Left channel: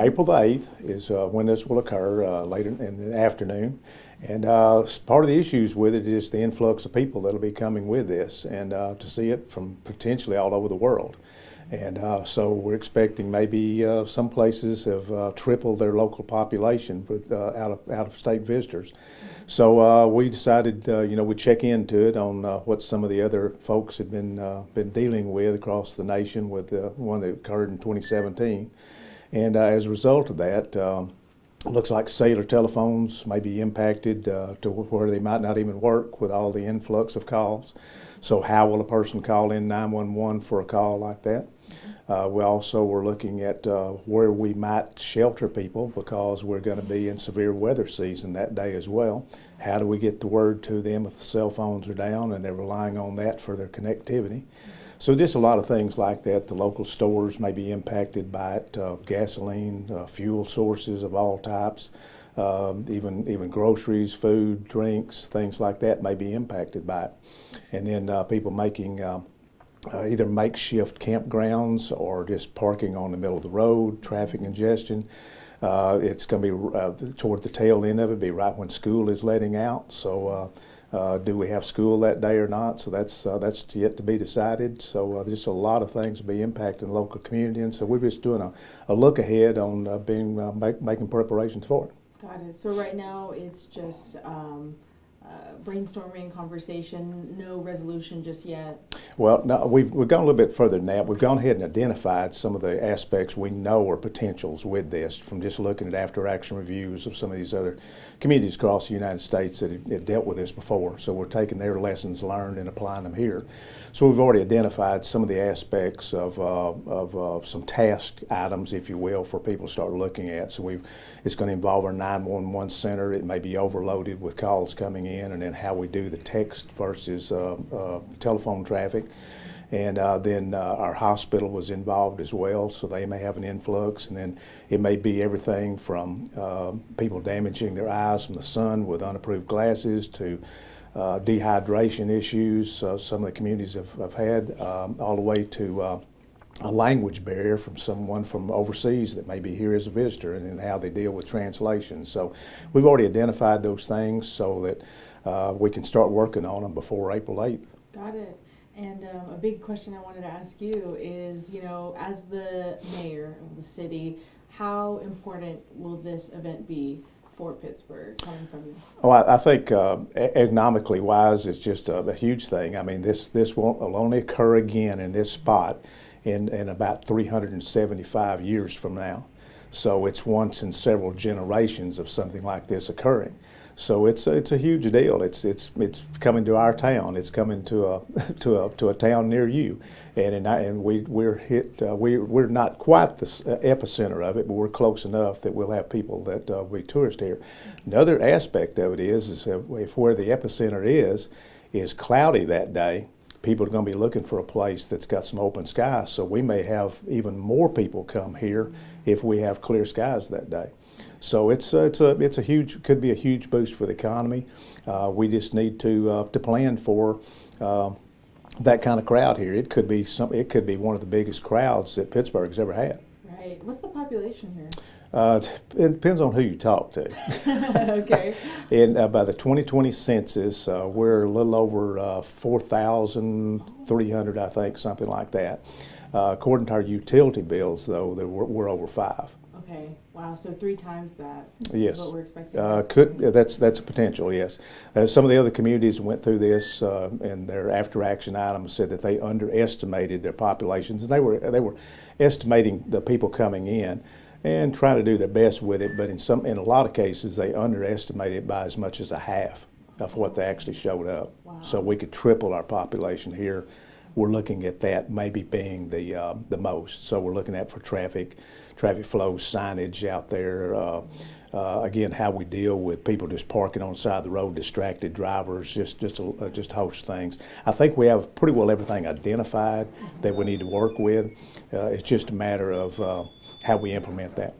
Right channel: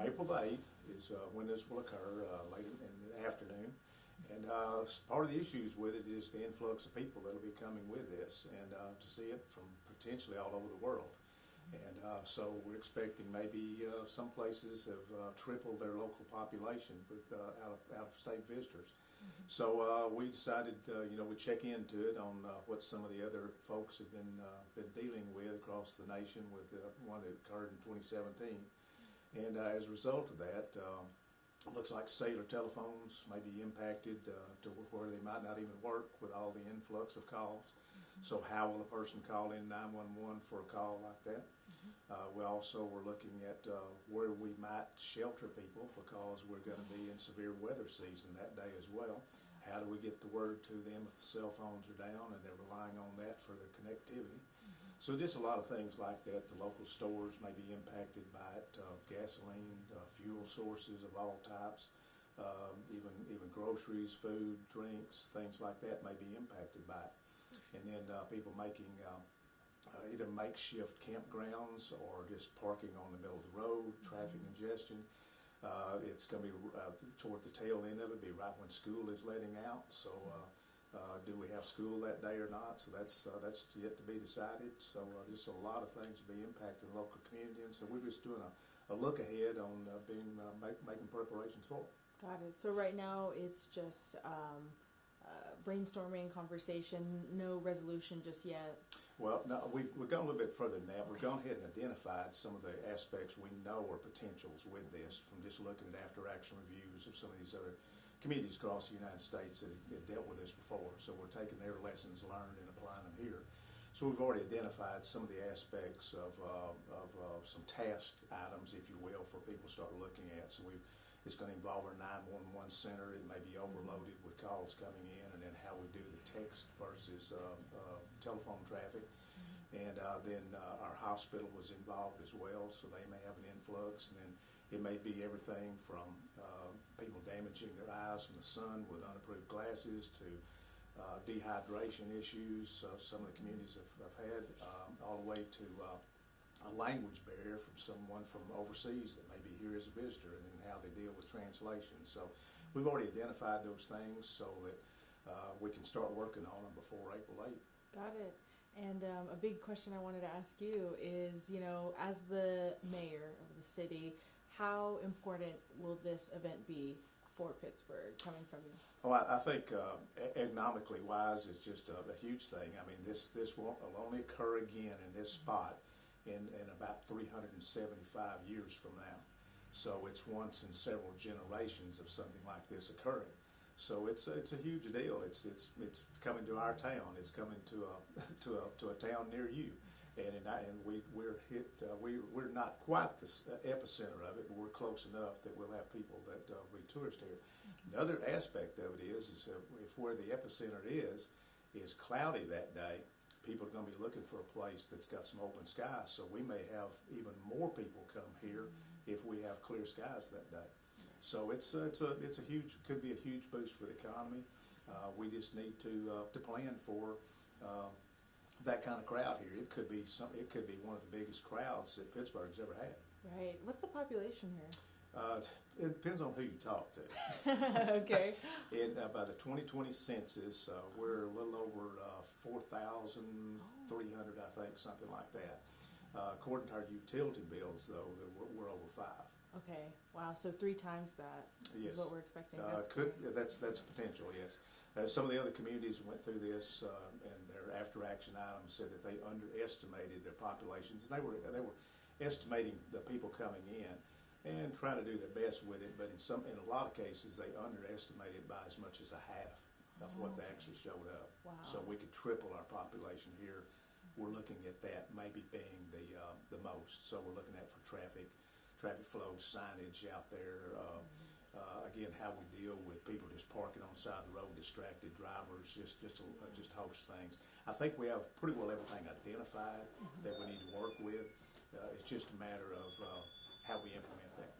April the 8th is when this will occur, later in the afternoon. And part of the issues with it is the influx of people that'll be coming with this, and to see it from potentially all over the world. And so we're expecting maybe some places have tripled their local population with out-of-state visitors. So we decided, we'd check into it on what some of the other folks had been dealing with across the nation with the one that occurred in 2017. And as a result of that, it looks like cellular telephones may be impacted to where they might not even work with all the influx of calls. So how will a person call in 911 for a call like that? We also were looking at where we might shelter people, because we're going to be in severe weather season that day as well. How do we get the word to them if the cell phones are down and they're relying on that for their connectivity? So just a lot of things like that. The local stores may be impacted by it, gasoline, fuel sources of all types, even groceries, food, drinks, things like that may be impacted by it. And then people making either makeshift campgrounds or just parking on the middle of the road, traffic congestion. It's going to be toward the tail end of it, be right when school is letting out. So do we have school that day or not? So that's yet to be decided. So just a lot of things will be impacting the local community. And so we're just doing a look ahead on making preparations for it. Got it. So right now it's just brainstorming, conversation, no resolution just yet? Well, no, we've gone a little bit further than that. We've gone ahead and identified some of the aspects we know are potentials with this from just looking at after-action reviews of some of these other communities across the United States that have dealt with this before. So we're taking their lessons learned and applying them here. So we've already identified some of the aspects of some task items, if you will, for people to start looking at. So it's going to involve our 911 center. It may be overloaded with calls coming in, and then how we do the text versus telephone traffic. And then our hospital was involved as well, so they may have an influx. And then it may be everything from people damaging their eyes from the sun with unapproved glasses to dehydration issues some of the communities have had, all the way to a language barrier from someone from overseas that may be here as a visitor, and then how they deal with translation. So we've already identified those things so that we can start working on them before April 8th. Got it. And a big question I wanted to ask you is, as the mayor of the city, how important will this event be for Pittsburgh, coming from you? Oh, I think economically wise, it's just a huge thing. I mean, this will only occur again in this spot in about 375 years from now. So it's once in several generations of something like this occurring. So it's a huge deal. It's coming to our town. It's coming to a town near you, and we're not quite the epicenter of it, but we're close enough that we'll have people that will be tourists here. Another aspect of it is if where the epicenter is cloudy that day, people are going to be looking for a place that's got some open skies. So we may have even more people come here if we have clear skies that day. So it's a huge, could be a huge boost for the economy. We just need to plan for that kind of crowd here. It could be one of the biggest crowds that Pittsburgh's ever had. Right. What's the population here? It depends on who you talk to. Okay. And by the 2020 census, we're a little over 4,300, I think, something like that. According to our utility bills, though, we're over 5. Okay. Wow. So 3 times that. Yes. Is what we're expecting. That's a potential. Yes. Some of the other communities went through this, and their after-action items said that they underestimated their populations, and they were estimating the people coming in and trying to do their best with it. But in a lot of cases, they underestimated it by as much as a half of what they actually showed up. Wow. So we could triple our population here. We're looking at that maybe being the most. So we're looking at for traffic flow, signage out there. Again, how we deal with people just parking on the side of the road, distracted drivers, just a host of things. I think we have pretty well everything identified that we need to work with. It's just a matter of how we implement that.